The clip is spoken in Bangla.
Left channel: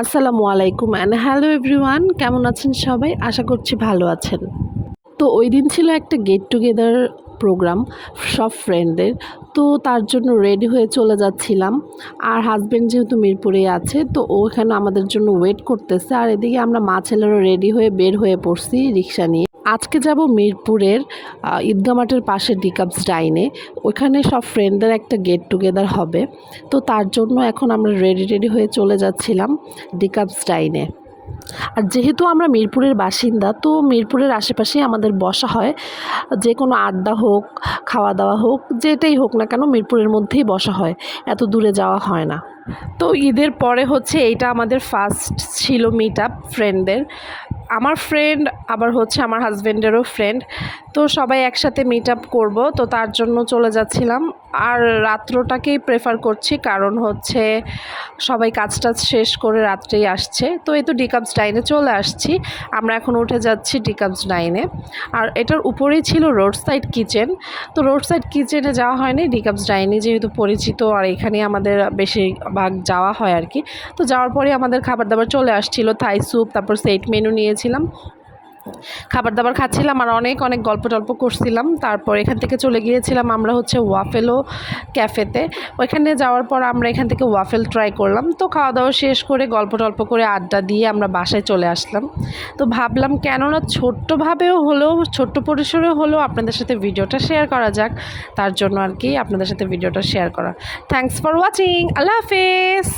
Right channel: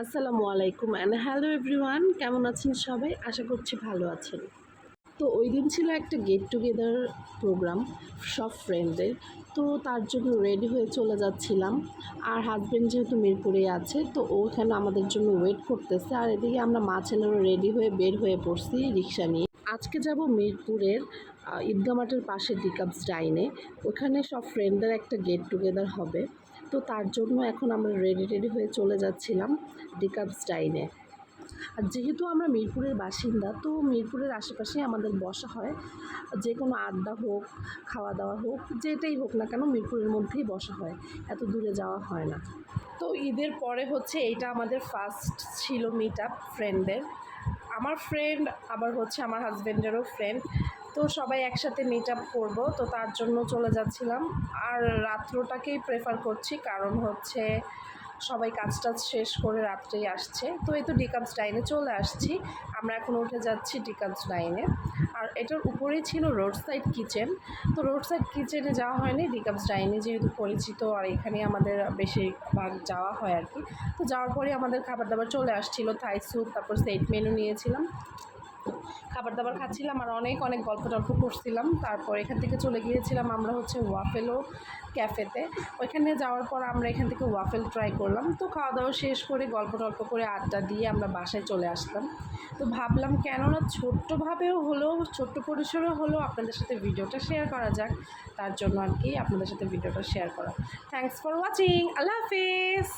আসসালামু আলাইকুম অ্যান্ড হ্যালো এভরিওয়ান, কেমন আছেন সবাই? আশা করছি ভালো আছেন। তো ওই দিন ছিল একটা গেট টুগেদার প্রোগ্রাম সব ফ্রেন্ডদের। তো তার জন্য রেডি হয়ে চলে যাচ্ছিলাম। আর হাজব্যান্ড যেহেতু মিরপুরে আছে, তো ওখানে আমাদের জন্য ওয়েট করতেছে। আর এদিকে আমরা মা ছেলেরও রেডি হয়ে বের হয়ে পড়ছি রিক্সা নিয়ে। আজকে যাব মিরপুরের ঈদগাহ মাঠের পাশে ডিকাপস ডাইনে। ওইখানে সব ফ্রেন্ডদের একটা গেট টুগেদার হবে। তো তার জন্য এখন আমরা রেডি হয়ে চলে যাচ্ছিলাম ডিকাপস ডাইনে। আর যেহেতু আমরা মিরপুরের বাসিন্দা, তো মিরপুরের আশেপাশেই আমাদের বসা হয়। যে কোনো আড্ডা হোক, খাওয়া দাওয়া হোক, যেটাই হোক না কেন মিরপুরের মধ্যেই বসা হয়, এত দূরে যাওয়া হয় না। তো ঈদের পরে হচ্ছে এইটা আমাদের ফার্স্ট ছিল মিট আপ ফ্রেন্ডদের। আমার ফ্রেন্ড আবার হচ্ছে আমার হাজব্যান্ডেরও ফ্রেন্ড। তো সবাই একসাথে মিট আপ করবো, তো তার জন্য চলে যাচ্ছিলাম। আর রাত্রটাকেই প্রেফার করছি, কারণ হচ্ছে সবাই কাজ টাজ শেষ করে রাত্রেই আসছে। তো এই তো ডিকাপস ডাইনে চলে আসছি। আমরা এখন উঠে যাচ্ছি ডিকাপস ডাইনে। আর এটার উপরেই ছিল রোড সাইড কিচেন। তো রোড সাইড কিচেনে যাওয়া হয়নি, ডিকাপস ডাইনে যেহেতু পরিচিত আর এখানেই আমাদের বেশিরভাগ যাওয়া হয় আর কি। তো যাওয়ার পরে আমাদের খাবার দাবার চলে আসছিল, থাই স্যুপ, তারপর সেট মেনু নিয়েছিলাম, খাবার দাবার খাচ্ছিলাম আর অনেক অনেক গল্প টল্প করছিলাম। তারপর এখান থেকে চলে গিয়েছিলাম আমরা হচ্ছে ওয়াফেলো ক্যাফেতে। ওইখানে যাওয়ার পর আমরা এখান থেকে ওয়াফেল ট্রাই করলাম। তো খাওয়া দাওয়া শেষ করে গল্প টল্প করে আড্ডা দিয়ে আমরা বাসায় চলে আসলাম। তো ভাবলাম কেননা ছোট্টভাবেও হলেও, ছোট্ট পরিসরেও হলেও আপনাদের সাথে ভিডিওটা শেয়ার করা যাক, তার জন্য আর কি আপনাদের সাথে ভিডিওটা শেয়ার করা। Thanks for watching. আল্লাহ হাফেজ।